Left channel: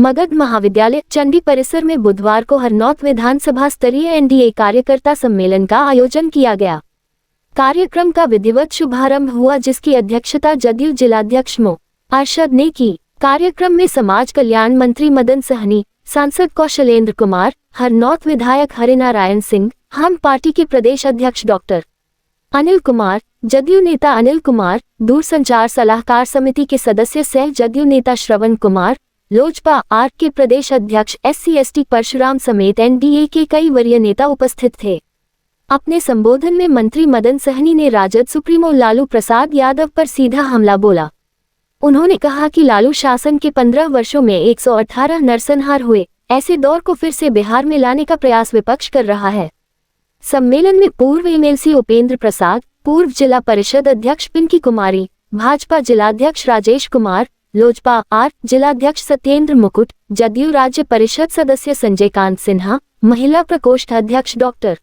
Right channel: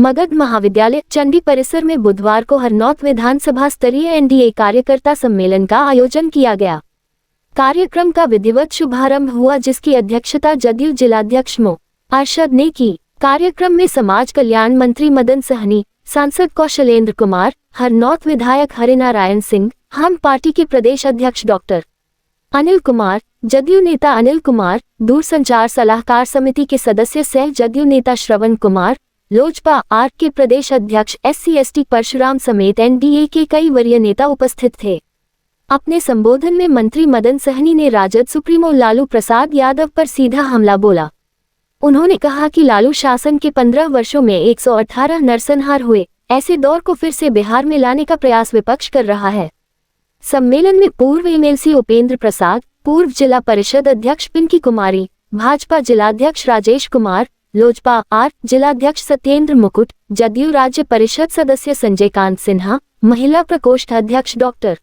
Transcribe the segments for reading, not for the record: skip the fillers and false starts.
मगध महाविद्यालय चंडी परिसर में बुधवार को हरनौत विधानसभा स्तरीय एनडीए कार्यकर्ता सम्मेलन का आयोजन किया गया। कार्यक्रम का विधिवत शुभारंभ हुआ, जिसकी अध्यक्षता जदयू जिलाध्यक्ष मो अरशद ने की। कार्यक्रम में समाज कल्याण मंत्री मदन सहनी, सांसद कौशलेंद्र कुमार, हरनौत विधायक हरिनारायण सिंह, हम पार्टी के प्रदेश अध्यक्ष डॉक्टर अनिल कुमार, जदयू नेता अनिल कुमार, दूरसंचार सलाहकार समिति के सदस्य सह जदयू नेता श्रवण कुमार, लोजपा आर के प्रदेश अध्यक्ष SC/ST परशुराम समेत एनडीए के कई वरीय नेता उपस्थित थे। अपने संबोधन में मंत्री मदन सहनी ने राजद सुप्रीमो लालू प्रसाद यादव पर सीधा हमला बोला। उन्होंने कहा कि लालू शासन के 15 वर्षों में 118 नरसंहार हुए, ऐसे दौर को फिर से बिहार में लाने का प्रयास विपक्ष कर रहा है। सम्मेलन में पूर्व MLC उपेंद्र प्रसाद, पूर्व जिला परिषद अध्यक्ष पिंकी कुमारी, भाजपा जिलाध्यक्ष राजेश कुमार, लोजपा आर जिलाध्यक्ष सत्येंद्र मुकुट, जदयू राज्य परिषद सदस्य संजय कांत सिन्हा, महिला प्रकोष्ठ अध्यक्ष डॉक्टर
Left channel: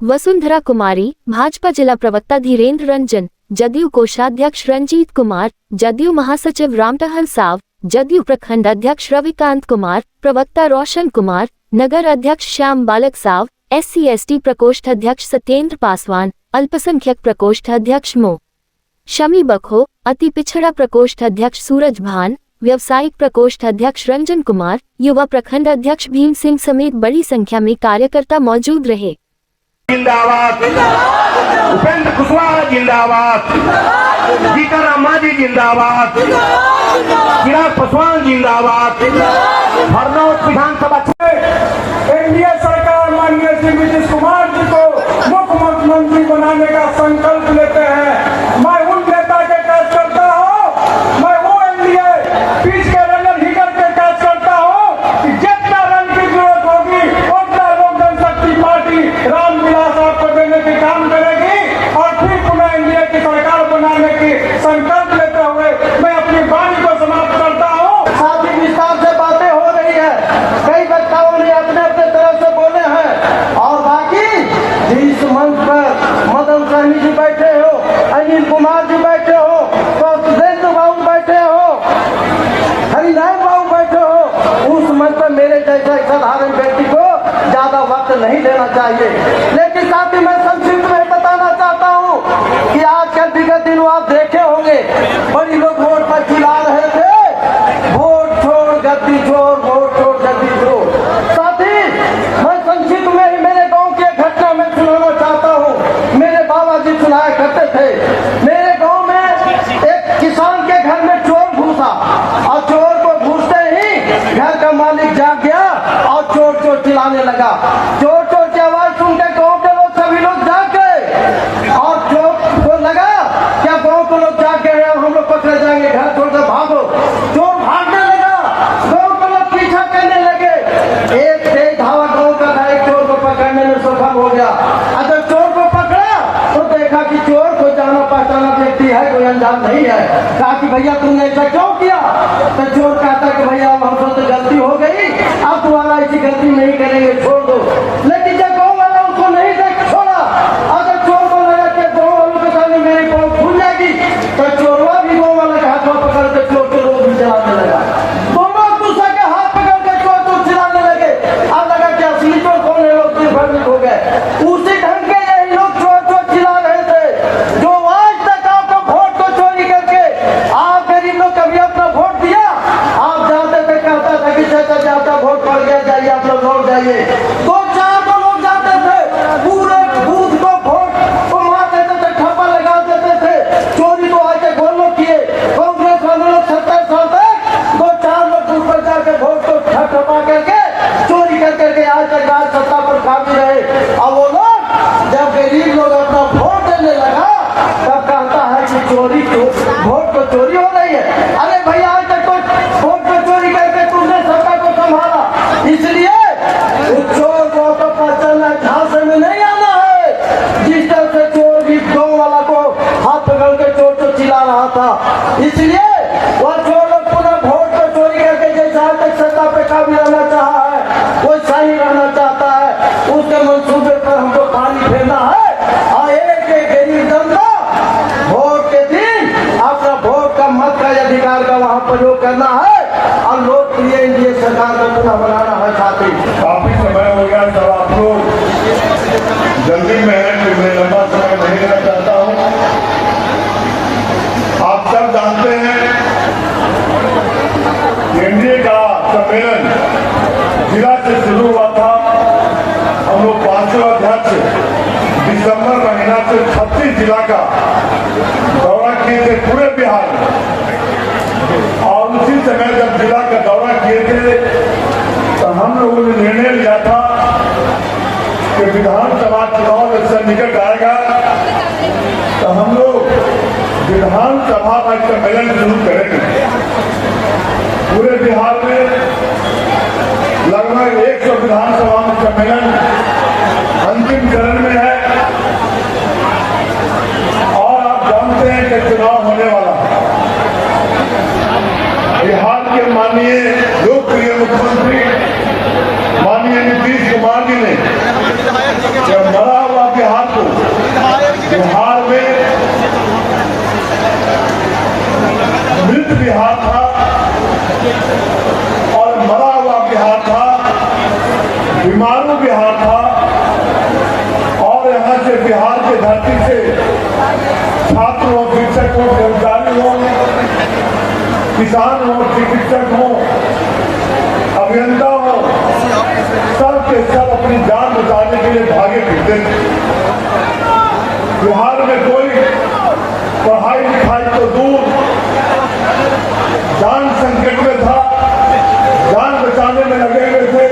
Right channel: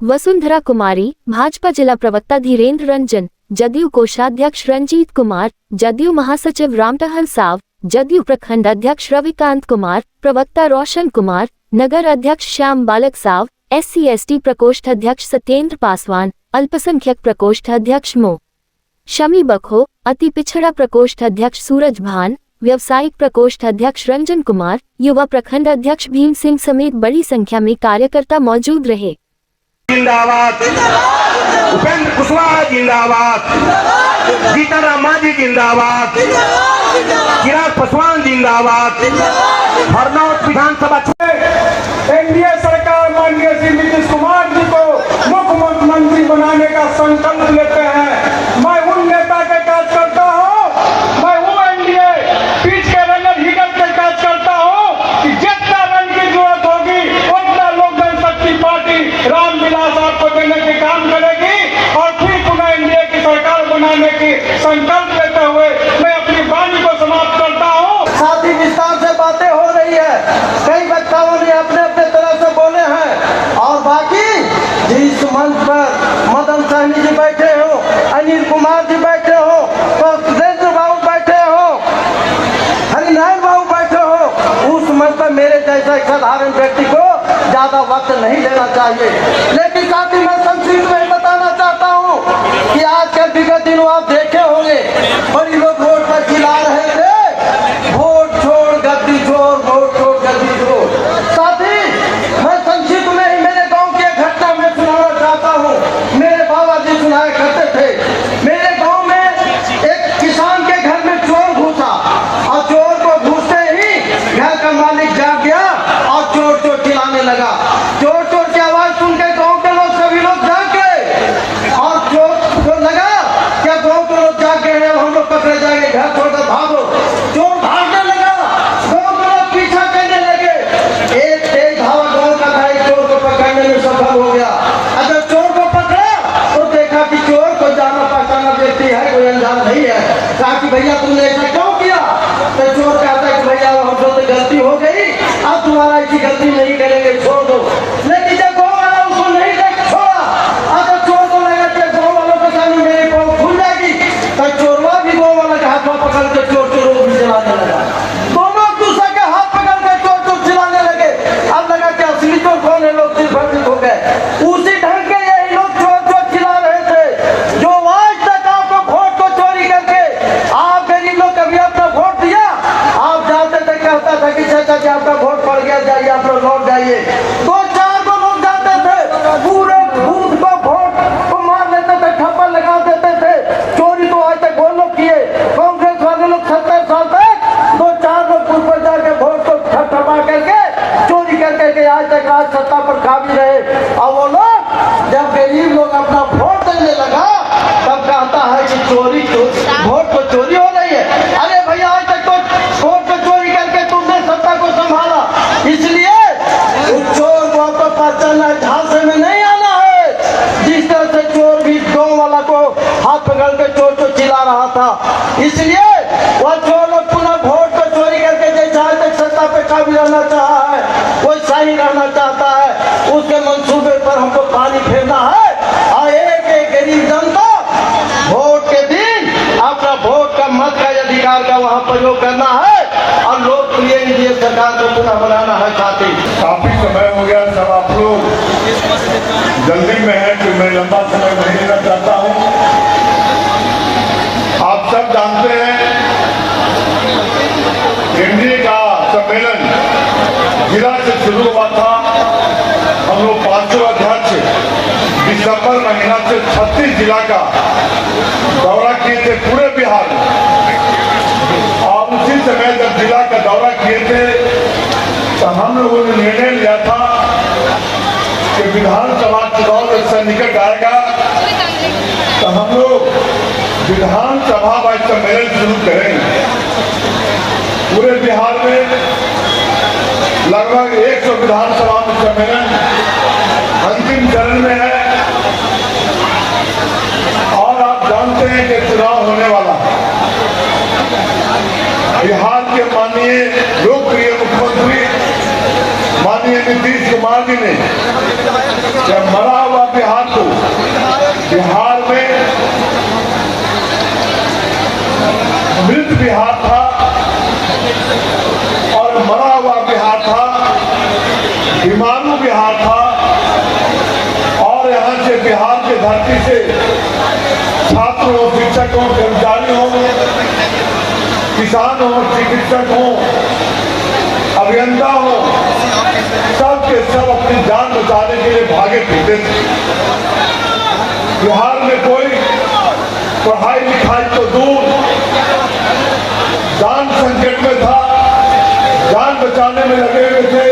वसुंधरा कुमारी, भाजपा जिला प्रवक्ता धीरेन्द्र रंजन, जदयू कोषाध्यक्ष रंजीत कुमार, जदयू महासचिव रामटहल साव, जदयू प्रखंड अध्यक्ष रविकांत कुमार, प्रवक्ता रोशन कुमार, नगर अध्यक्ष श्याम बालक साव, SC/ST प्रकोष्ठ अध्यक्ष सत्येंद्र पासवान, अल्पसंख्यक प्रकोष्ठ अध्यक्ष मो शमी बखो, अति पिछड़ा प्रकोष्ठ अध्यक्ष सूरज भान, व्यवसायिक प्रकोष्ठ अध्यक्ष रंजन कुमार, युवा प्रखंड अध्यक्ष भीम सिंह समेत बड़ी संख्या में कार्यकर्ता मौजूद रहे। जिंदाबाद, उपेंद्र कुशवाहा जिंदाबाद, सीताराम मांझी जिंदाबाद, चिराग पासवान जिंदाबाद। हरनौत विधानसभा एनडीए सरकार माननीय श्री नीतीश कुमार जी को मुख्यमंत्री बनाने का संकल्प लेते हैं। मैं उन नेता के काज करता हूँ, मैं वो एनडीए पीछ के रनर हीटर के काज करता हूँ कि जितना रन की जरूरत होगी उतना लोक जनशक्ति पार्टी रामविलास आपको देने के काम करेगी और फिर पुनः एनडीए की सरकार बनाने की संकल्प लेते हुए मैं अपनी वाणी को समाप्त करता हूँ। साथ ही विस्तार से बातें हो रही है, कई वक्ताओं ने अपने अपने तरह से बोले हैं और बाकी जिस मंच पर मदन सहनी जी बैठे हो, अनिल कुमार जी बैठे हो, कौशलेंद्र बाबू बैठे हो, हरिनारायण बाबू बैठे हो, उस मंच पर मेरे जैसा एक साधारण व्यक्ति को ज्यादा वक्त नहीं देना चाहिए। लेकिन साथ ही मैं संक्षिप्त में बताना चाहता हूँ कि आजकल विगत दिनों आप देखे होंगे बड़ी लोग वोट पर चिल्ला रहे थे, वोट छोड़ गद्दी छोड़, वोट छोड़ गद्दी छोड़। साथ ही मैं संक्षिप्त में ही मेरे गांव की एक घटना में सुनाना चाहता हूँ। मेरे बाबा जी सुनाया करते थे, मेरे गांव में एक किसान के घर में चोर घुसा और चोर को घुसते ही घर का मालिक जाग गया और चोर चोर चिल्लाने लगा। चोर चोर की आवाज सुनकर गाँव के लोग सभी लोग जाग गए और चोर को लगा क्या गाँव के लोग जाग गए हैं, हम लोग पकड़े जाएंगे, घर छोड़कर भागो। चोर भागने लगा, गाँव के लोग पीछा करने लगे। एक तेज हवा गाँव का गाड़ी चोर को पकड़ने में सफल हो गया। अगर चोर को पकड़ा तो देखा कि चोर को जाना पहचाना व्यक्ति है, कोई अनजान नहीं है। कहा कि भैया तुमने ऐसा क्यों किया? तो चोर कहता है कि भैया हमसे तो गलती हो गई, अब तुम्हारा ऐसी गलती नहीं करेंगे, छोड़ दो। लेकिन जब गाँव वाला उसको नहीं छोड़ा, अगर चोर को लगा कि गाँव वालों के सामने मेरी पहुंच खुल जाएगी, तो चोरवा भी गाँव वाला के हाथ में पकड़ के चोर चोर भी चलाने लगा। दोनों दूसरे के हाथ पकड़ के चोर चोर चिल्लाने लगे। अब लगा कि असली चोर कौन है, लोग भ्रमित हो गए। उसी ढंग के यही लोग चोर चोर चिल्ला रहे थे जो आज तक आपको वोट को चोरी करके आप गरीब लोग कभी अपना वोट दिया? आप जाते थे, कहता था कि चाचा जी आपका वोट पड़ गया, जाइए आप लोग लौट जाइए। दो चार तो लोग जाते थे, पूरे बूथ को वोट को मार देते थे, ठप्पा लगा देते थे। चोरी तो आज तक वो लोग किए, कांग्रेस वाले लोग 70 साल तक दो चार लोग बूथ पर जाके वोट को ठप्पा करके चोरी करके आज तक आज सत्ता पर खा भी रहे। और वो लोग जब गरीब लोग अपना वोट देने लगा तब कहता है कि चोरी वोट को चोरी हो रही है। अरे भैया आज तक तो वोट को चोरी करके तुमने सत्ता को संभाला, इसलिए उस चोर को आपको पहचानना है, झांसे में नहीं आना है। जिस तरह से चोर भी गाँव वाला को हाथ पकड़ के चोर चोर चिल्ला रहा था, इसलिए वह चोर लोग पुनः वोट को चोरी करके जैसा आज तक सत्ता पे काबिज रहना चाहा है, वो सही रहना चाहता है। उसके मंसूबे पर हमको पानी फेरना है और एक गरीब जनता वोट के दिन अपना वोट का मत का अधिकार का वहाँ प्रयोग करना है और लोकप्रिय न बनाना है साथी। काफी समय हो गया सर, आप लोग जल्दी में है कि मैं लंबा समय नहीं लेना चाहता हूँ। आप सब जानते हैं एनडीए का सम्मेलन जिला से शुरू हुआ था। हम लोग 5वें अध्यक्ष दिसंबर महीना से 36 जिला का दौरा किए थे पूरे बिहार में। और उसी समय जब जिला का दौरा किए थे तो हम लोगों ने निर्णय लिया था कि विधानसभा चुनाव जब निकट आएगा तो हम लोग विधानसभा का सम्मेलन शुरू करेंगे। पूरे बिहार में लगभग 100 विधानसभा में सम्मेलन अंतिम चरण में है। और आप जानते हैं कि चुनाव होने वाला है। बिहार के माननीय लोकप्रिय मुख्यमंत्री माननीय नीतीश कुमार जी ने जब मरा हुआ बिहार को बिहार में मृत बिहार था और मरा हुआ बिहार था, बीमारू बिहार था। और यहाँ से बिहार की धरती से छात्र हो, शिक्षक हो, कर्मचारी हो, किसान हो, चिकित्सक हो, अभियंता हो, सब के सब अपनी जान बचाने के लिए भागे फिरते थे। बिहार में कोई पढ़ाई लिखाई तो दूर, जान संकट में था, जान बचाने में लगे हुए थे।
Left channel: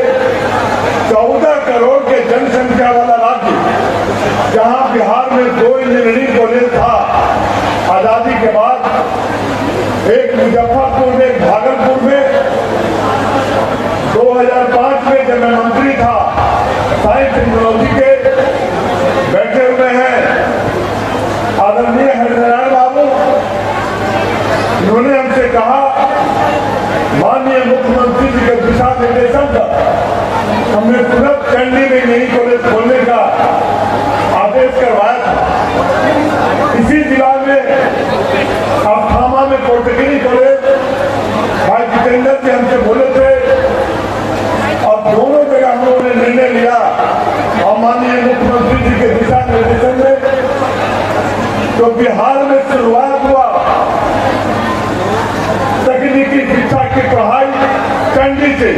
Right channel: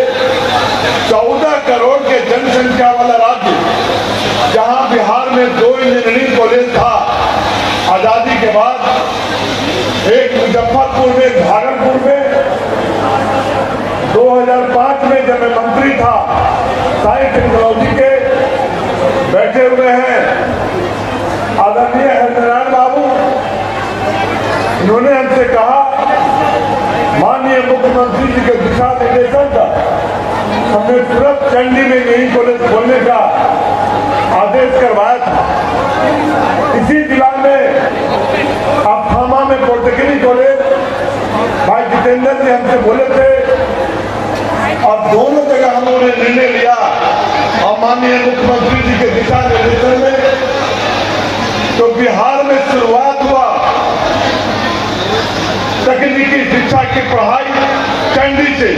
14 करोड़ के जनसंख्या वाला राज्य, जहां बिहार में 2 इंजीनियरिंग कॉलेज था आजादी के बाद, एक मुजफ्फरपुर में, एक भागलपुर में। 2005 में जब मैं मंत्री था, साइंस टेक्नोलॉजी के बैठे हुए हैं आदरणीय हरिनारायण बाबू, उन्होंने हमसे कहा माननीय मुख्यमंत्री जी के दिशा निर्देशन पर हमने तुरंत चंडी में यही कॉलेज खोलने का आदेश करवाया था। इसी जिला में अस्थामा में पॉलिटेक्निक कॉलेज भाई जितेंद्र जी हमसे बोले थे और दोनों जगह हम लोगों ने निर्णय लिया। और माननीय मुख्यमंत्री जी के दिशा निर्देशन में तो बिहार में शुरुआत हुआ तकनीकी शिक्षा की पढ़ाई चंडी से।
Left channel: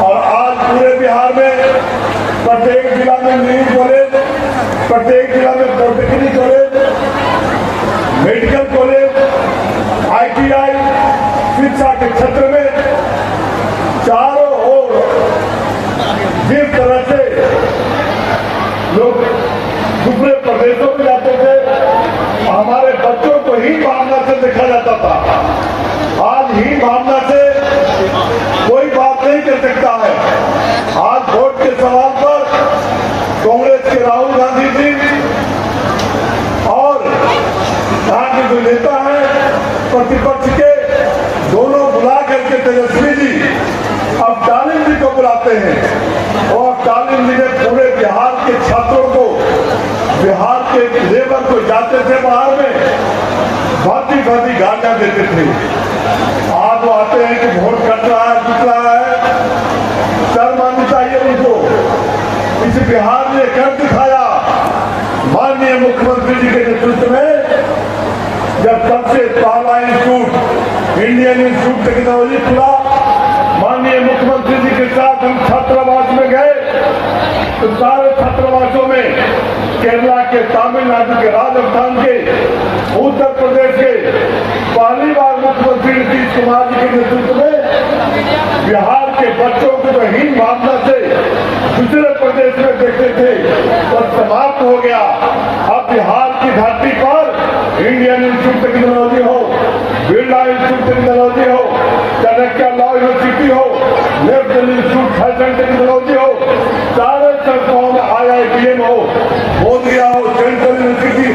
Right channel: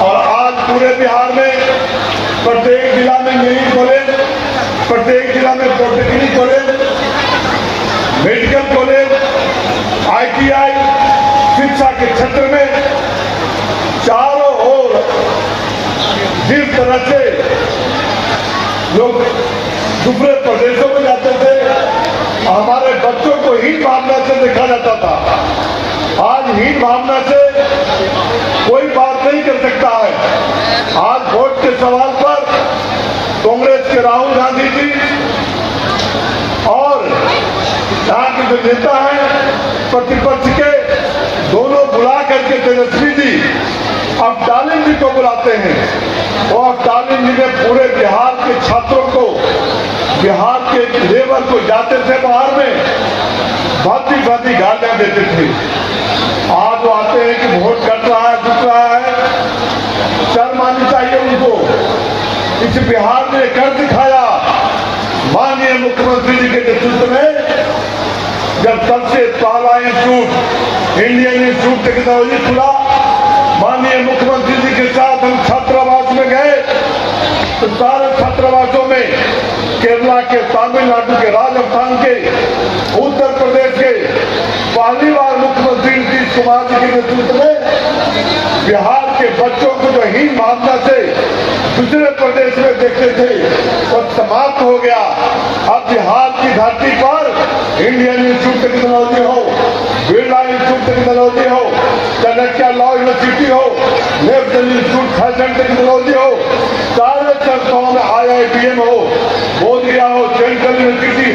और आज पूरे बिहार में प्रत्येक जिला में इंजीनियरिंग कॉलेज, प्रत्येक जिला में polytechnic college, medical college, ITI शिक्षा के क्षेत्र में चारों ओर जिस तरह से लोग दूसरे प्रदेशों में जाते थे, हमारे बच्चों को ही भावना से देखा जाता था। आज ही भावना से कोई बात नहीं कर सकता है। आज वोट के सवाल पर कांग्रेस के राहुल गांधी जी और यहाँ के जो नेता हैं प्रतिपक्ष के, दोनों बुला करके तेजस्वी जी अब स्टालिन जी को बुलाते हैं। वो स्टालिन जी ने पूरे बिहार के छात्रों को, बिहार के लेबर को जाते थे बाहर में, भांति भांति गालियां देते थे। आज वो आते हैं कि वोट कट रहा है, टूट रहा है, शर्म आनी चाहिए उनको। इस बिहार ने कर दिखाया माननीय मुख्यमंत्री जी के नेतृत्व में, जब सबसे पहला इंस्टीट्यूट इंडियन इंस्टीट्यूट टेक्नोलॉजी खुला। माननीय मुख्यमंत्री जी के साथ हम छात्रावास में गए तो सारे छात्रावासों में केरला के, तमिलनाडु के, राजस्थान के, उत्तर प्रदेश के पहली बार मुख्यमंत्री नीतीश कुमार जी के नेतृत्व में बिहार के बच्चों को तो हीन भावना से दूसरे प्रदेश में देखते थे और समाप्त हो गया। अब बिहार की धरती पर इंडियन इंस्टीट्यूट टेक्नोलॉजी हो, बिरला इंस्टीट्यूट टेक्नोलॉजी हो, चाणक्य लॉ यूनिवर्सिटी हो, नेशनल इंस्टीट्यूट फैशन टेक्नोलॉजी हो, चारों संस्थाओं में IIBM हो, बोधगया हो, सेंट्रल यूनिवर्सिटी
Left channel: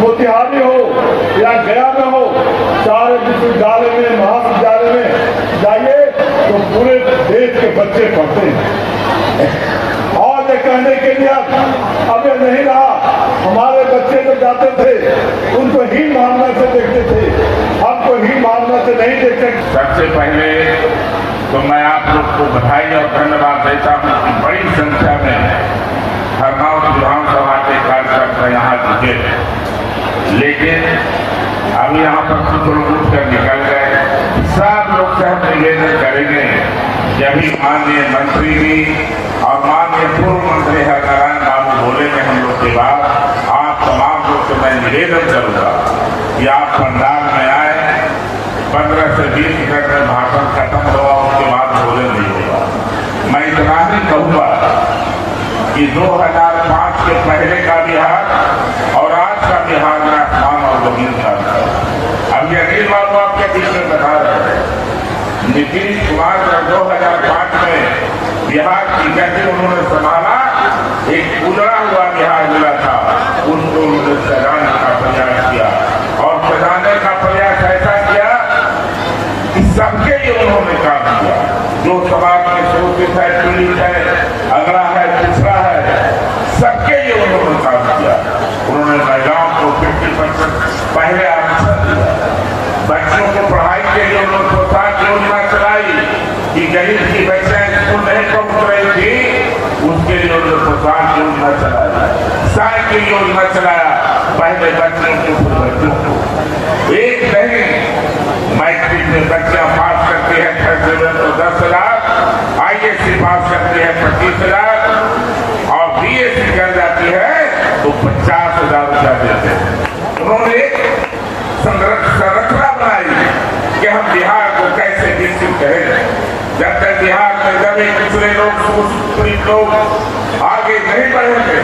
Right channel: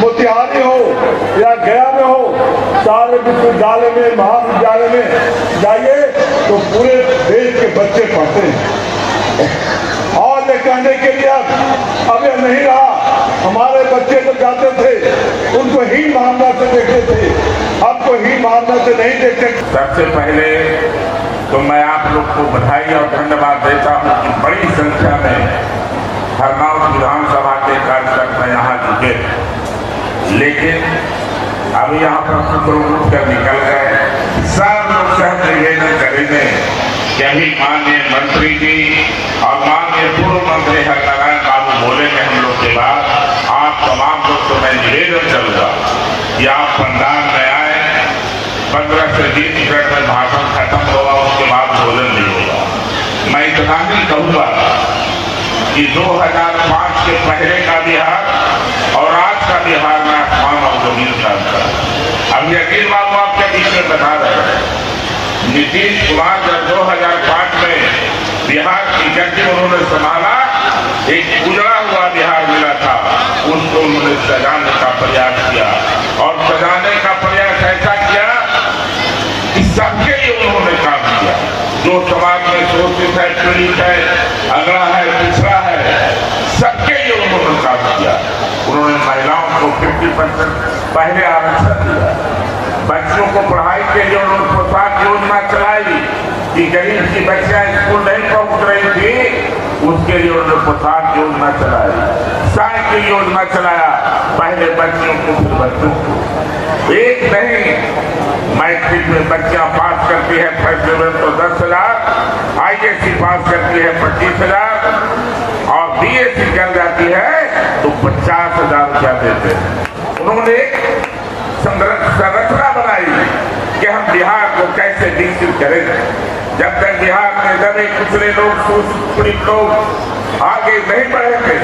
मोतिहारी हो या गया में हो, सारे विश्वविद्यालय में, महाविद्यालय में जाइए तो पूरे देश के बच्चे पढ़ते हैं। और ये कहने के लिए अब ये नहीं रहा, हमारे बच्चे जो जाते थे उनको हीन भावना से देखते थे, अब तो हीन भावना से नहीं देख सकते। सबसे पहले तो मैं आप आप लोग को बधाई और धन्यवाद देता हूँ कि बड़ी संख्या में हरनौत विधानसभा के कार्यकर्ता यहाँ जुटे, लेकिन अभी यहाँ पर कुछ लोग उठ कर निकल गए। सब लोग से निवेदन करेंगे कि अभी माननीय मंत्री जी और माननीय पूर्व मंत्री हरनारायण बाबू बोलेंगे हम लोग के बाद, आप तमाम लोग से मैं निवेदन करूंगा कि आप पंडाल में आए, 15 से 20 मिनट में भाषण खत्म होगा, उसके बाद भोजन नहीं होगा। मैं इतना ही कहूँगा कि 2005 के पहले का बिहार और आज का बिहार में आसमान और जमीन का अंतर। अब यकीन बाबू आपके बीच में बता रहे हैं, नीतीश कुमार जब 2005 में बिहार की गति उन्होंने संभाला, एक उजड़ा हुआ बिहार मिला था, उसको उन्होंने सजाने का प्रयास किया और सजाने का प्रयास ऐसा किया कि सबके लिए उन्होंने काम किया। जो समाज में शोषित है, पीड़ित है, अगड़ा है, पिछड़ा है, सबके लिए उन्होंने काम किया। उन्होंने महिलाओं को 50% पहले आरक्षण दिया, बच्चों को पढ़ाई के लिए उन्होंने प्रोत्साहन योजना चलाई कि गरीब की बच्चियां स्कूल नहीं पहुंच रही थी, उसके लिए उन्होंने प्रोत्साहन योजना चलाई, साइकिल योजना चलाया, पहले बच्चों को फिर बच्चों को। एक नहीं, मैट्रिक में बच्चियां पास करती है फर्स्ट डिवीजन तो 10,000, ISC पास करती है 25,000 और BSc कर जाती है तो 50,000 रुपया देते हैं। उन्होंने एक संरचना बनाई कि हम बिहार को कैसे विकसित करेंगे। जब तक बिहार में दबे कुचले लोग, शोषित लोग आगे नहीं बढ़ेंगे,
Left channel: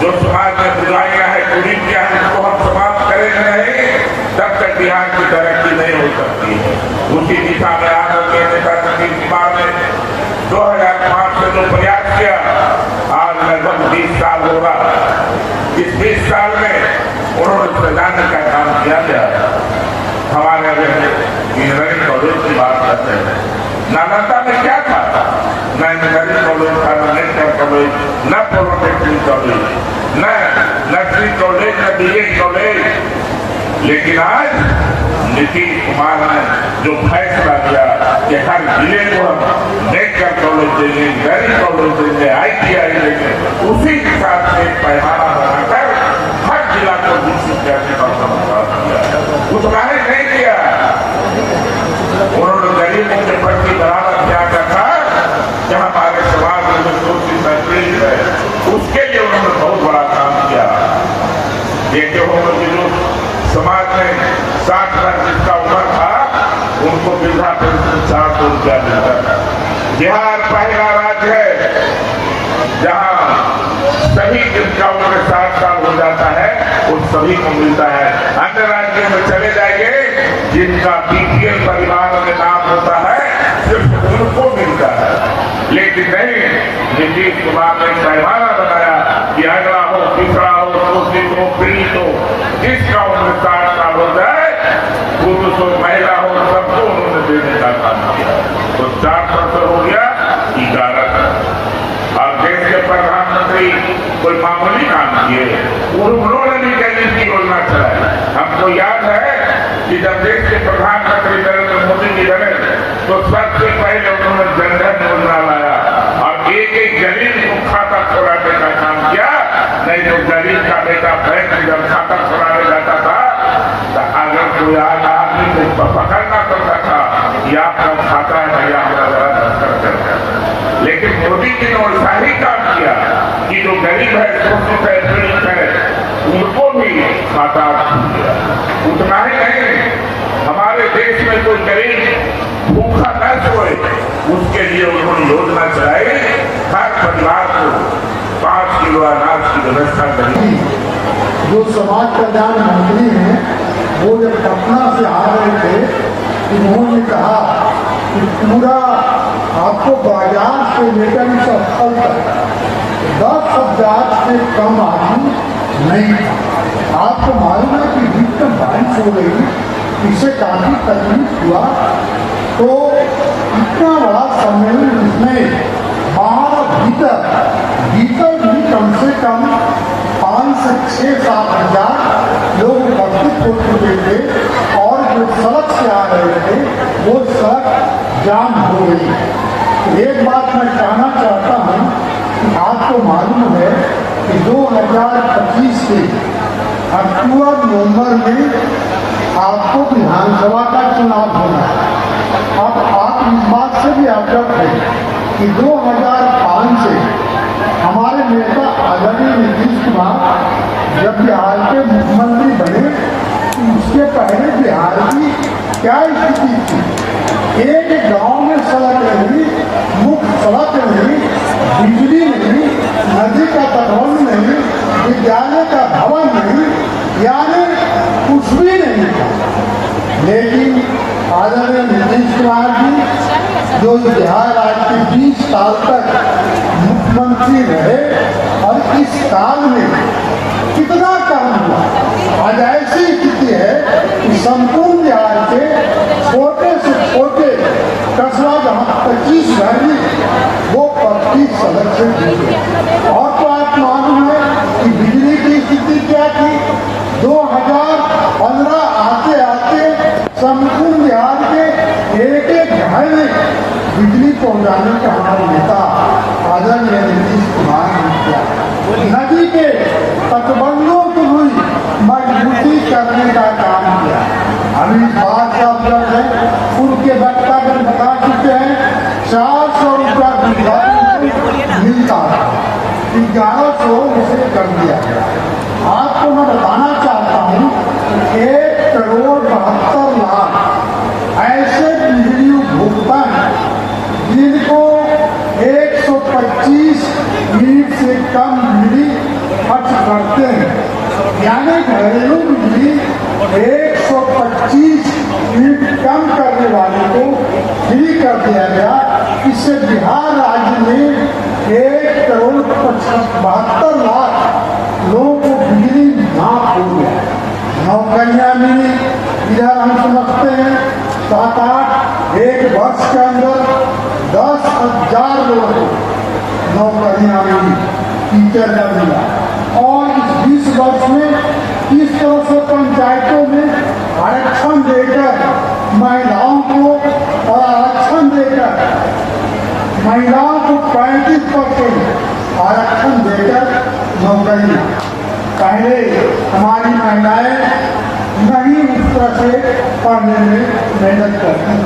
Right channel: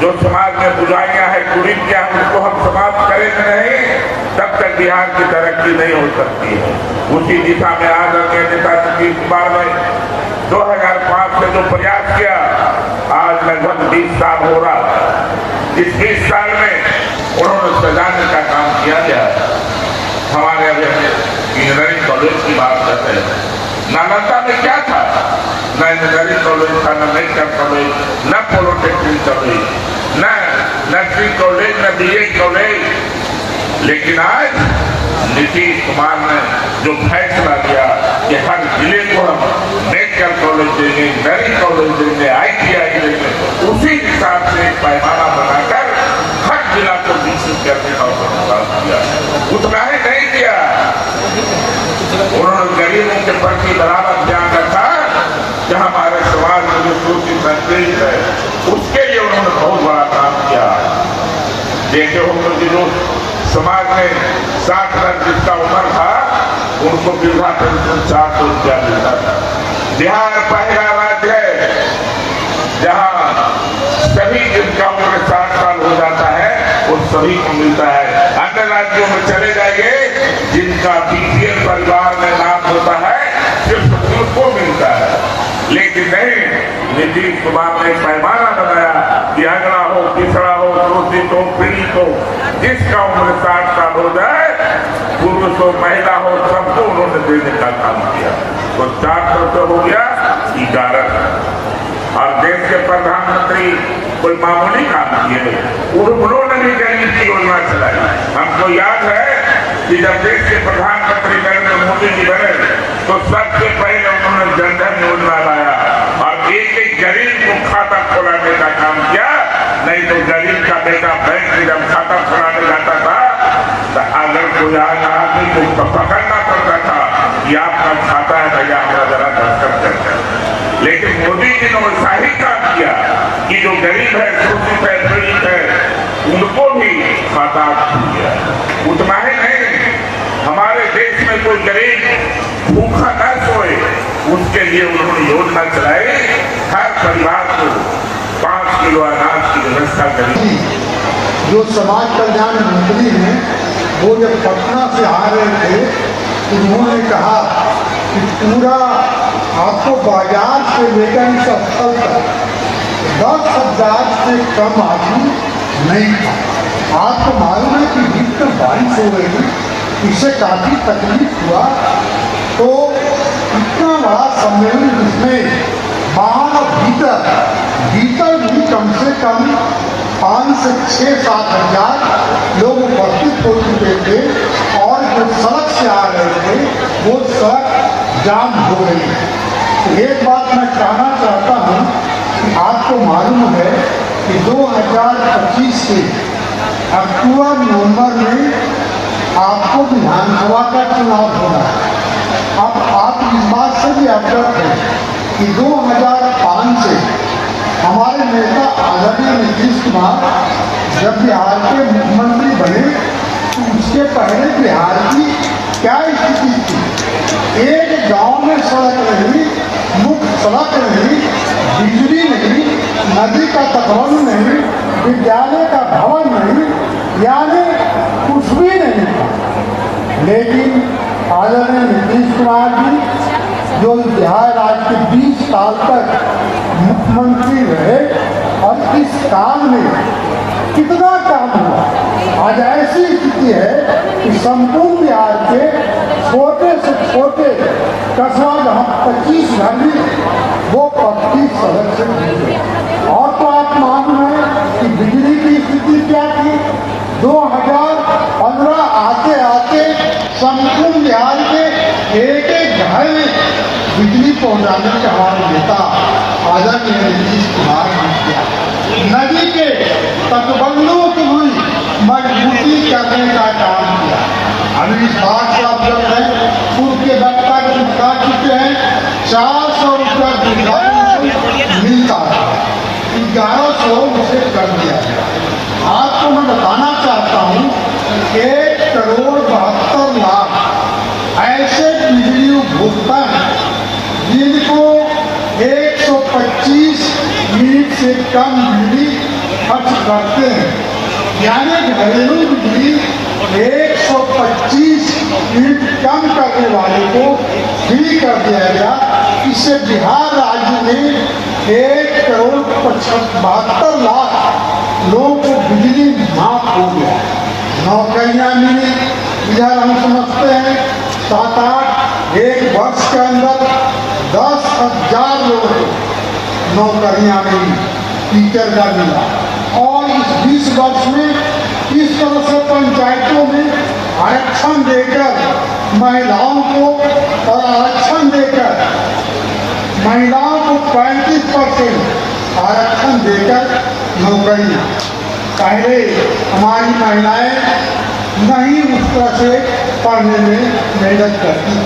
जो समाज में बुराइयां हैं, कुरीतियां हैं, उसको हम समाप्त करेंगे नहीं, तब तक बिहार की तरक्की नहीं हो सकती है। उसी दिशा में आदरणीय नेता नीतीश कुमार ने 2005 से जो प्रयास किया, आज लगभग 20 साल हो रहा। इस 20 साल में उन्होंने सजाने का काम किया गया। हमारे अभी इंजीनियरिंग कॉलेज की बात करते हैं, नालंदा में क्या था? न इंजीनियरिंग कॉलेज था, न मेडिकल कॉलेज, न पॉलिटेक्निक कॉलेज, न नर्सिंग कॉलेज, न BEd कॉलेज। लेकिन आज नीतीश कुमार ने जो फैसला किया कि हर जिले को हम मेडिकल कॉलेज देंगे, इंजीनियरिंग कॉलेज देंगे, ITI देंगे, उसी हिसाब से एक पैमाना बनाकर हर जिला को विकसित करने का प्रयास किया। उतना ही नहीं किया, उन्होंने गरीबों के प्रति बराबर ध्यान रखा कि हमारे समाज में जो शोषित पीड़ित है, उसके लिए उन्होंने बहुत बड़ा काम किया। देखे हो कि लोग समाज में 60 वर्ष जिसका उम्र था, उनको वृद्धा पेंशन 400 रुपया मिलता है। बिहार पहला राज्य है जहाँ सभी जिनका उम्र 60 साल हो जाता है, वो सभी को मिलता है। अन्य राज्यों में चले जाएंगे, जिनका BPL परिवार में नाम होता है, सिर्फ उनको मिलता है। लेकिन नहीं, नीतीश कुमार ने पैमाना बनाया कि अगड़ा हो, पिछड़ा हो, शोषित हो, पीड़ित हो, जिसका उम्र 60 साल हो जाए, पुरुष हो, महिला हो, सबको उन्होंने देने का काम किया। तो 400 हो गया 11। और देश के प्रधानमंत्री कोई मामूली काम किए, उन्होंने भी गरीब की योजना चलाई। हमको याद है कि जब देश के प्रधानमंत्री नरेंद्र मोदी जी बने तो सबसे पहले उन्होंने जनधन योजना लाया और एक गरीब को खाता खोलाने का काम किया। नहीं तो गरीब का बेटा बैंक में जब खाता खोलाने जाता था तो अगर कोई आदमी को पकड़ना पड़ता था कि आपका खाता है भैया, हमारा बड़ा ट्रांसफर करता। लेकिन मोदी जी ने ऐसा ही काम किया कि जो गरीब है, शोषित है, पीड़ित है, उनको भी खाता दिया। उतना ही नहीं, हमारे देश में कोई गरीब भूखा न सोए, उसके लिए उन्होंने योजना चलाई, हर परिवार को 5 किलो अनाज की व्यवस्था करी। जो समाज कल्याण मंत्री हैं, वो जब पटना से आ रहे थे, उन्होंने कहा कि पूरा आपको बाजार से लेकर इस स्थल तक 10,000 से कम आदमी नहीं था। आपको मालूम है कि बीच में बारिश हो रही, इसे काफी तकलीफ हुआ। तो इतना बड़ा सम्मेलन जिसमें बाहर भीतर भी कम से कम 5 से 6-7 हजार लोग उपस्थित हो चुके थे और जो सड़क से आ रहे थे वो सड़क जाम हो गई। एक बात मैं कहना चाहता हूँ कि आपको मालूम है कि 2025 के अक्टूबर नवंबर में आपको विधानसभा का चुनाव होना है। अब आप इस बात से भी अवगत हैं कि 2005 से हमारे नेता आदरणीय नीतीश कुमार जब बिहार के मुख्यमंत्री बने तो उसके पहले बिहार की क्या स्थिति थी। एक गांव में सड़क नहीं, मुख्य सड़क नहीं, बिजली नहीं, नदी का तटबंध नहीं, विद्यालय का भवन नहीं, यानी कुछ भी नहीं था। लेकिन आदरणीय नीतीश कुमार जी जो बिहार राज्य के 20 साल तक मुख्यमंत्री रहे और इस काल में कितना काम हुआ। आज ऐसी स्थिति है कि संपूर्ण बिहार के छोटे से छोटे कस्बा जहाँ 25 घर में वो 25 सड़क से जुड़े। और तो आप मालूम है कि बिजली की स्थिति क्या थी। 2015 आते आते संपूर्ण बिहार के एक एक घर में बिजली पहुंचाने का हमारा नेता आदरणीय नीतीश कुमार ने किया। नदी के तटबंधों की हुई मजबूती करने का काम किया। अभी इस बात से अवगत है, पूर्व के वक्ता के बता चुके हैं 400 रुपया बीघा मिलता है, 1100 उसे कर दिया गया। आपको मैं बताना चाहता हूँ 1,72,00,000 ऐसे बिजली उपभोक्ता हैं जिनको 125 यूनिट से कम बिजली खर्च करते हैं। यानी घरेलू बिजली 125 यूनिट कम करने वाले को फ्री कर दिया गया। इससे बिहार राज्य में 1,72,00,000 लोगों को बिजली माफ हो गया। नौकरियां मिली, इधर हम समझते हैं 7-8 एक वर्ष के अंदर 10,000 लोगों को नौकरियां मिली, टीचर का मिला। और इस 20 वर्ष में इस तरह से पंचायतों में आरक्षण देकर महिलाओं को और आरक्षण देकर महिलाओं को 35% आरक्षण देकर नौकरियां। पहले हमारी महिलाएं नहीं उस तरह से पढ़ने में मेहनत करती।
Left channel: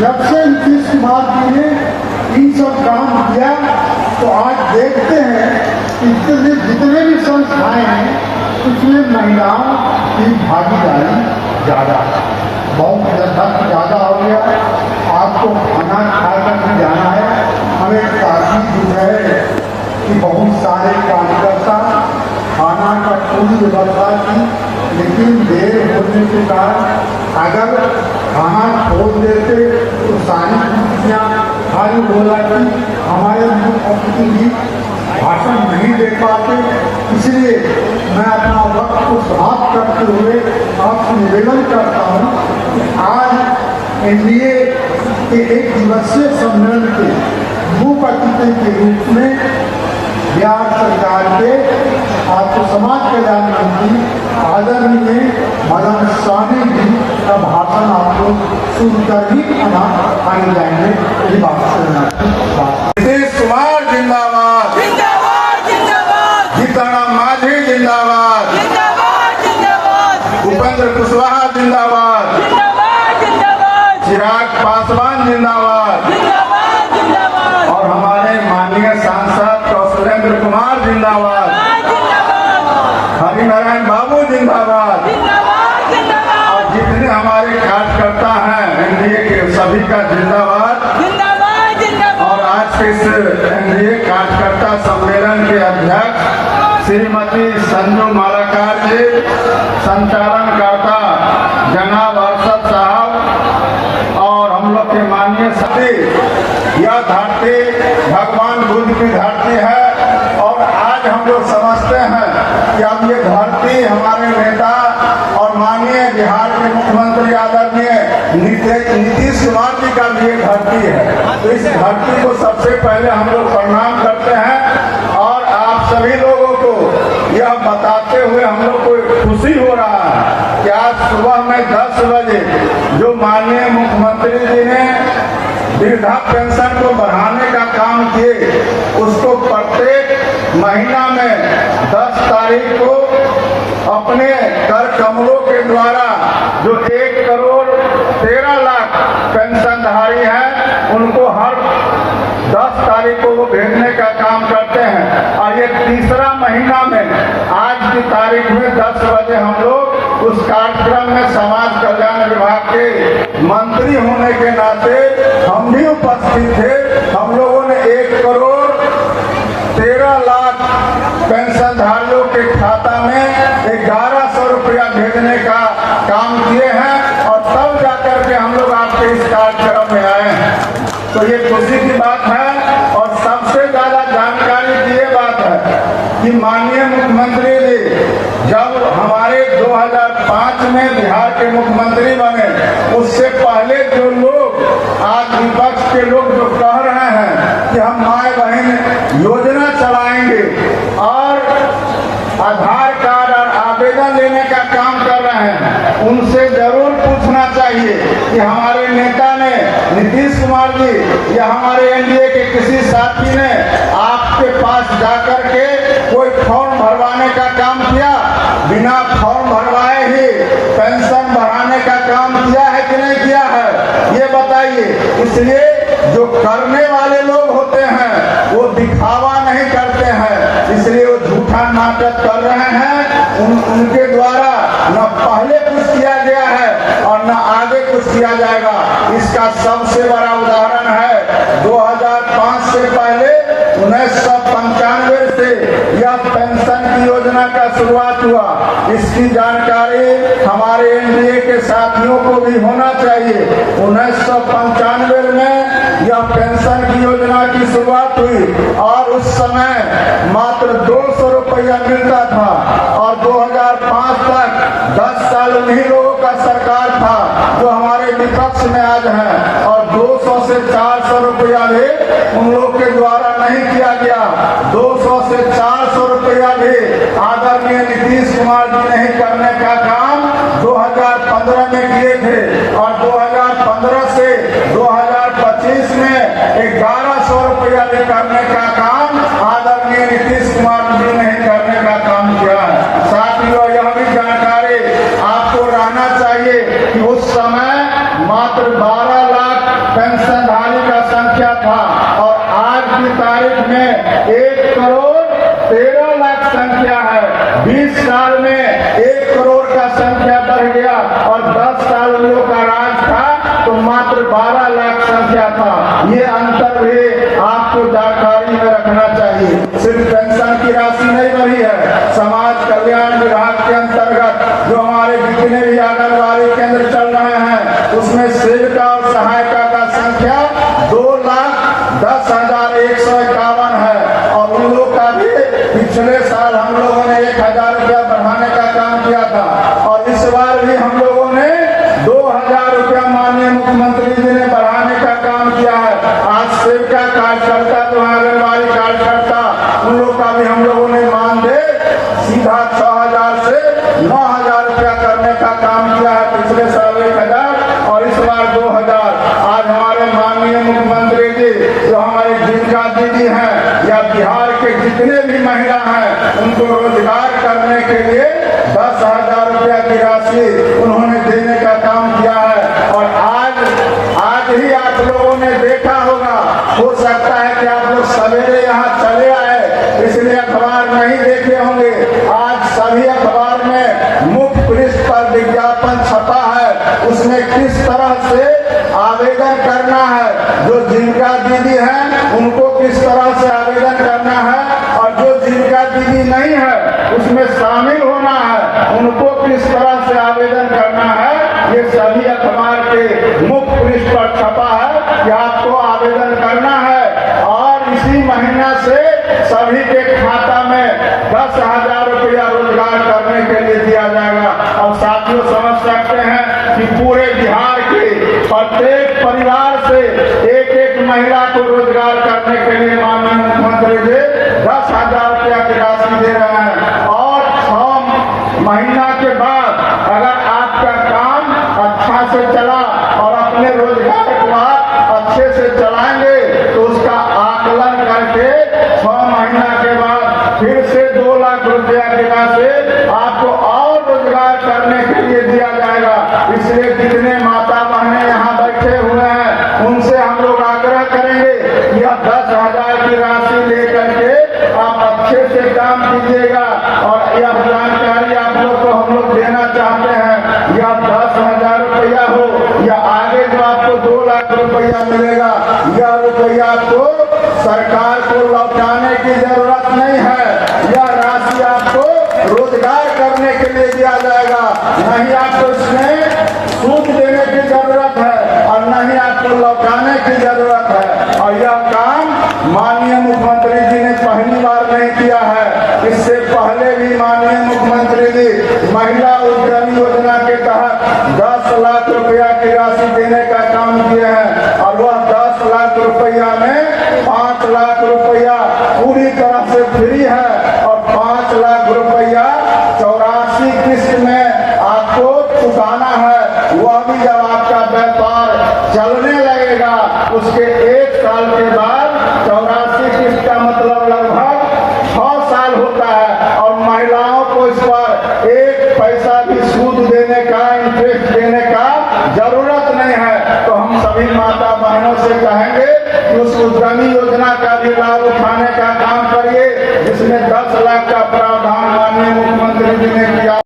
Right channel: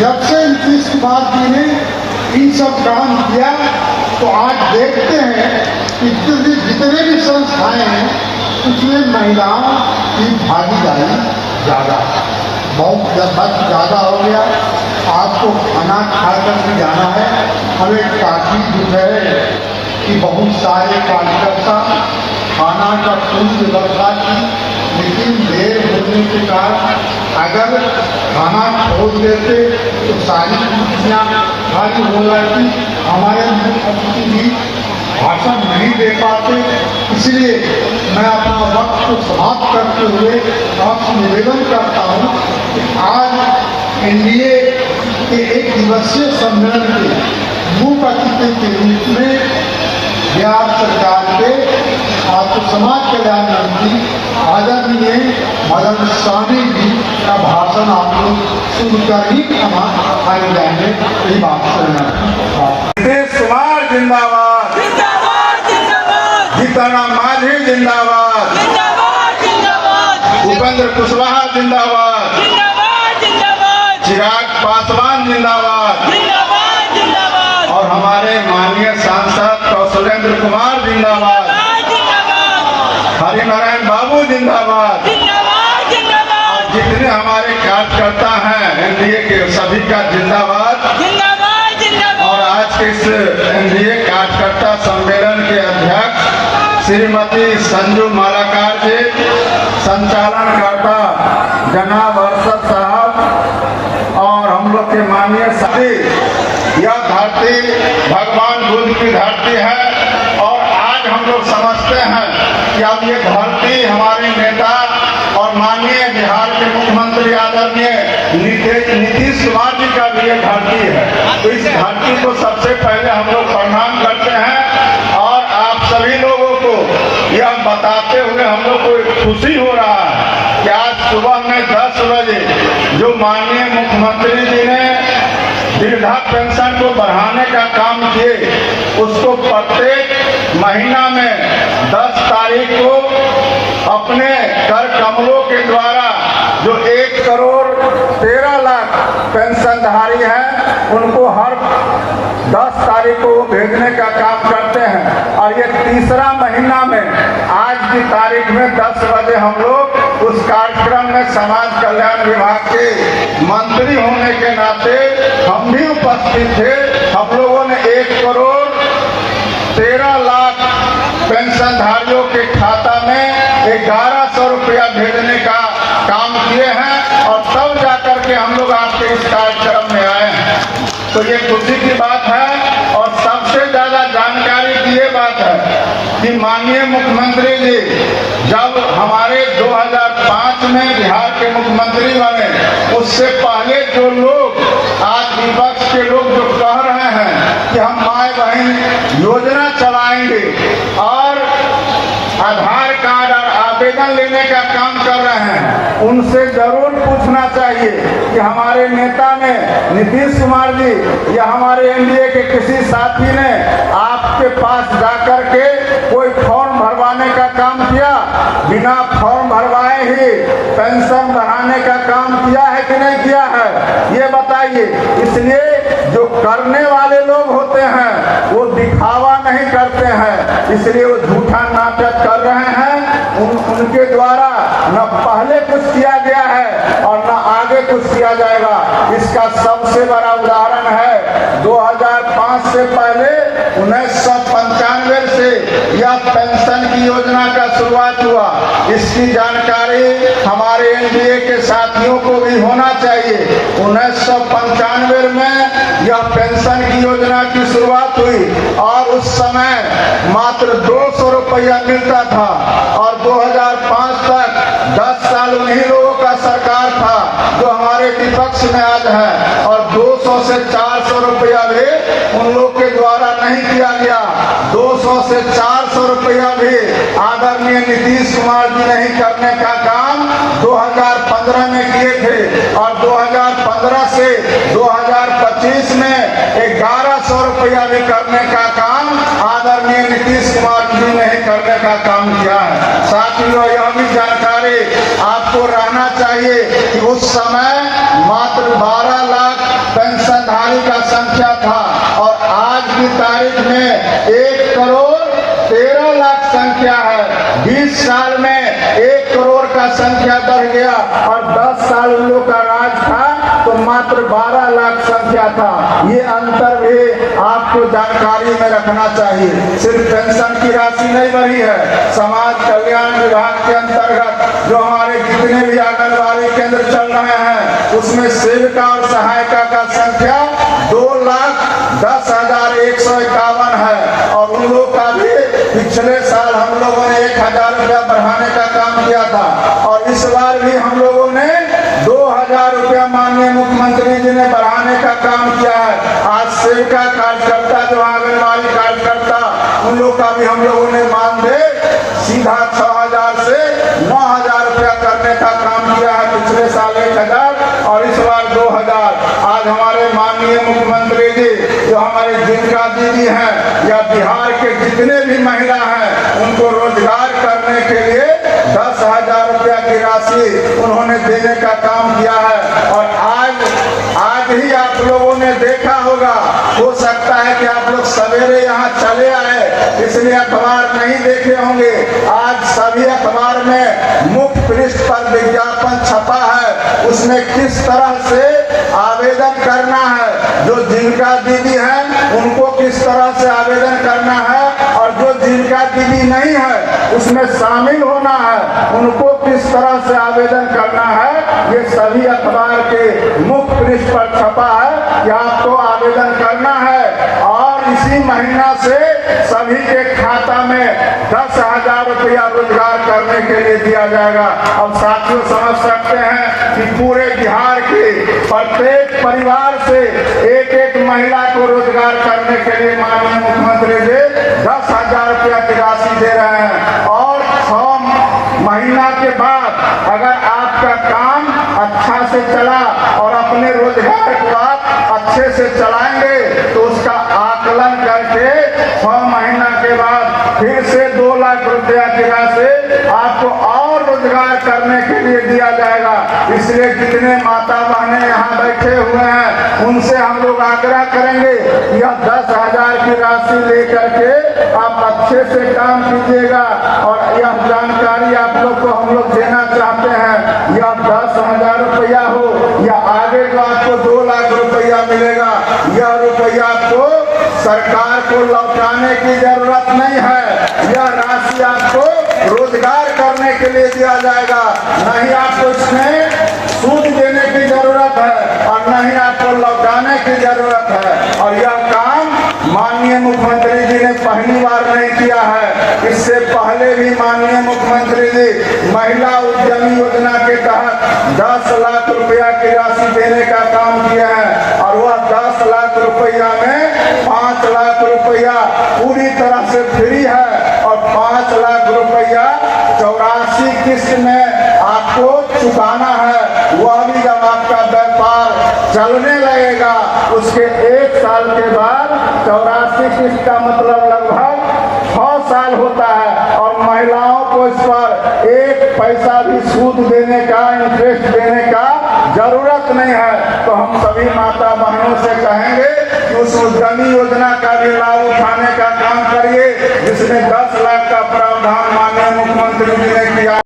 जब से नीतीश कुमार जी ने इन सब काम किया तो आज देखते हैं कि जितने भी संस्थाएं हैं उसमें महिलाओं की भागीदारी ज़्यादा, बहुत ज़्यादा हो गया। आपको खाना खाकर जाना है, हमें काफ़ी दुख है कि बहुत सारे कार्यकर्ता खाना का पूरी व्यवस्था की, लेकिन देर होने के कारण अगर खाना छोड़ देते तो सारी कुर्सियाँ खाली हो जाती, हमारे मुख्यमंत्री भी भाषण नहीं दे पाते। इसलिए मैं अपना वक्त को समाप्त करते हुए आपसे निवेदन करता हूँ कि आज एनडीए के एक दिवसीय सम्मेलन के मुख्य अतिथि के रूप में बिहार सरकार के आपको समाज कल्याण मंत्री आदरणीय मदन स्वामी जी का भाषण आप लोग सुनकर ही आगे जाएंगे। यही बात नीतीश कुमार जिंदाबाद, जीतनराम मांझी जिंदाबाद, उपेंद्र कुशवाहा जिंदाबाद, चिराग पासवान जिंदाबाद और हमारे माननीय सांसद कौशलेंद्र कुमार जिंदाबाद, हरिनारायण बाबू जिंदाबाद और जितने हमारे कार्यकर्ता हैं एनडीए के सभी का जिंदाबाद। और आज के इस एनडीए कार्यकर्ता सम्मेलन के अध्यक्ष श्रीमती संजू मालाकार जी, संचालनकर्ता जनाब अरशद साहब और हम लोग के माननीय साथी, यह धरती भगवान बुद्ध की धरती है। और आज हम लोग समझते हैं कि अब ये धरती हमारे नेता और माननीय बिहार के मुख्यमंत्री आदरणीय नीतीश कुमार जी का भी ये धरती है। तो इस धरती को सबसे पहले हम लोग प्रणाम करते हैं। और आप सभी लोगों को यह बताते हुए हम लोग को खुशी हो रहा है कि आज सुबह में 10 बजे जो माननीय मुख्यमंत्री जी ने वृद्धा पेंशन पेंशन को बढ़ाने का काम किए, उसको प्रत्येक महीना में 10 तारीख को अपने कर कमलों के द्वारा जो 1,13,00,000 पेंशनधारी हैं उनको हर 10 तारीख को भेजने का काम करते हैं। और ये तीसरा महीना में आज की तारीख में 10 बजे हम लोग उस कार्यक्रम में समाज कल्याण विभाग के मंत्री होने के नाते हम भी उपस्थित थे। हम लोगों ने 1,13,00,000 पेंशनधारियों के खाता में 1,100 रुपया भेजने का काम किए हैं और तब जाकर के हम लोग आपके इस कार्यक्रम में आए हैं। तो ये खुशी की बात है। और सबसे ज्यादा जानकारी की ये बात है कि माननीय मुख्यमंत्री जी जब हमारे 2005 में बिहार के मुख्यमंत्री बने, उससे पहले जो लोग आज विपक्ष के लोग जो कह रहे हैं कि हम माए बहन योजना चलाएंगे और आधार कार्ड और आवेदन लेने का काम कर रहे हैं, उनसे जरूर पूछना चाहिए कि हमारे नेता ने नीतीश कुमार जी या हमारे एनडीए के किसी साथी ने आपके पास जाकर के कोई फॉर्म भरवाने का काम किया? बिना फॉर्म भरवाए ही पेंशन बढ़ाने का काम किया है कि नहीं किया है, ये बताइए। इसलिए जो करने वाले लोग होते हैं वो दिखावा नहीं करते हैं, इसलिए वो झूठा नाटक कर रहे हैं। उनके द्वारा न पहले कुछ किया गया है और न आगे कुछ किया जाएगा। इसका सबसे बड़ा उदाहरण है 2005 से पहले 1995 से यह पेंशन की योजना का शुरुआत हुआ। इसकी जानकारी हमारे एनडीए के साथियों को भी होना चाहिए। 1995 में यह पेंशन की योजना की शुरुआत हुई और उस समय मात्र 200 रुपया मिलता था और 2005 तक 10 साल उन्हीं लोगों का सरकार था जो हमारे विपक्ष में आज है। और 200 से 400 रुपया भी उन लोग के द्वारा नहीं किया गया। 200 से 400 रुपया भी आदरणीय नीतीश कुमार जी नहीं करने का काम 2015 में किए थे और 2015 से 2025 में 1,100 रुपया भी करने का काम आदरणीय नीतीश कुमार जी नहीं करने का काम किया है। साथियों, यह भी जानकारी आपको रहना चाहिए कि उस समय मात्र 12 लाख पेंशनधारी का संख्या था और आज की तारीख में 1,13,00,000 संख्या है। 20 साल में 1 करोड़ का संख्या बढ़ गया और 10 साल उन लोगों का राज था तो मात्र 12 लाख संख्या था। ये अंतर भी आपको जानकारी में रखना चाहिए। सिर्फ पेंशन की राशि नहीं बढ़ी है, समाज कल्याण विभाग के अंतर्गत जो हमारे जितने भी आंगनबाड़ी केंद्र चल रहे हैं उसमें सेविका और सहायिका का संख्या 2,10,151 है और उन लोग का भी पिछले साल हम लोगों ने 1,000 रुपया बढ़ाने का काम किया था और इस बार भी हम लोगों ने 2,000 रुपया माननीय मुख्यमंत्री जी ने बढ़ाने का काम किया है। आज सेविका कार्यकर्ता जो आंगनबाड़ी कार्यकर्ता उन लोग का भी हम लोगों ने मानदेय सीधा 6,000 से 9,000 रुपया करने का काम किया है। पिछले साल 1,000 और इस बार 2,000। आज हमारे माननीय मुख्यमंत्री जी जो हमारे जिनका दीदी हैं या बिहार के जितने भी महिला हैं उनको रोजगार करने के लिए 10,000 रुपया की राशि उन्होंने देने का काम किया है। और आज ही आप लोगों ने देखा होगा, हो सकता है कि आप लोग सवेरे यहाँ चले आए इसलिए अखबार नहीं देखे होंगे। आज सभी अखबार में मुख्य पृष्ठ पर विज्ञापन छपा है, उसमें किस तरह से आवेदन करना है। जो जिनका दीदी है उनको किस तरह से आवेदन करना है और जो जिनका दीदी नहीं है उसमें शामिल होना है उनको किस तरह से आवेदन करना है। ये सभी अखबार के मुख्य पृष्ठ पर छपा है कि आपको आवेदन करना है और इसी महीना से सभी के खाता में 10,000 रुपया रोजगार करने के लिए दिया जाएगा। और साथियों, समझ सकते हैं कि पूरे बिहार के प्रत्येक परिवार से एक महिला को रोजगार करने के लिए माननीय मुख्यमंत्री जी 10,000 रुपया की राशि दे रहे हैं। और 6 महीना के बाद अगर आपका काम अच्छा से चला और अपने रोजगार को आप अच्छे से चलाएंगे और यह काम माननीय मुख्यमंत्री जी ने पहली बार नहीं किया है। इससे पहले भी माननीय मुख्यमंत्री जी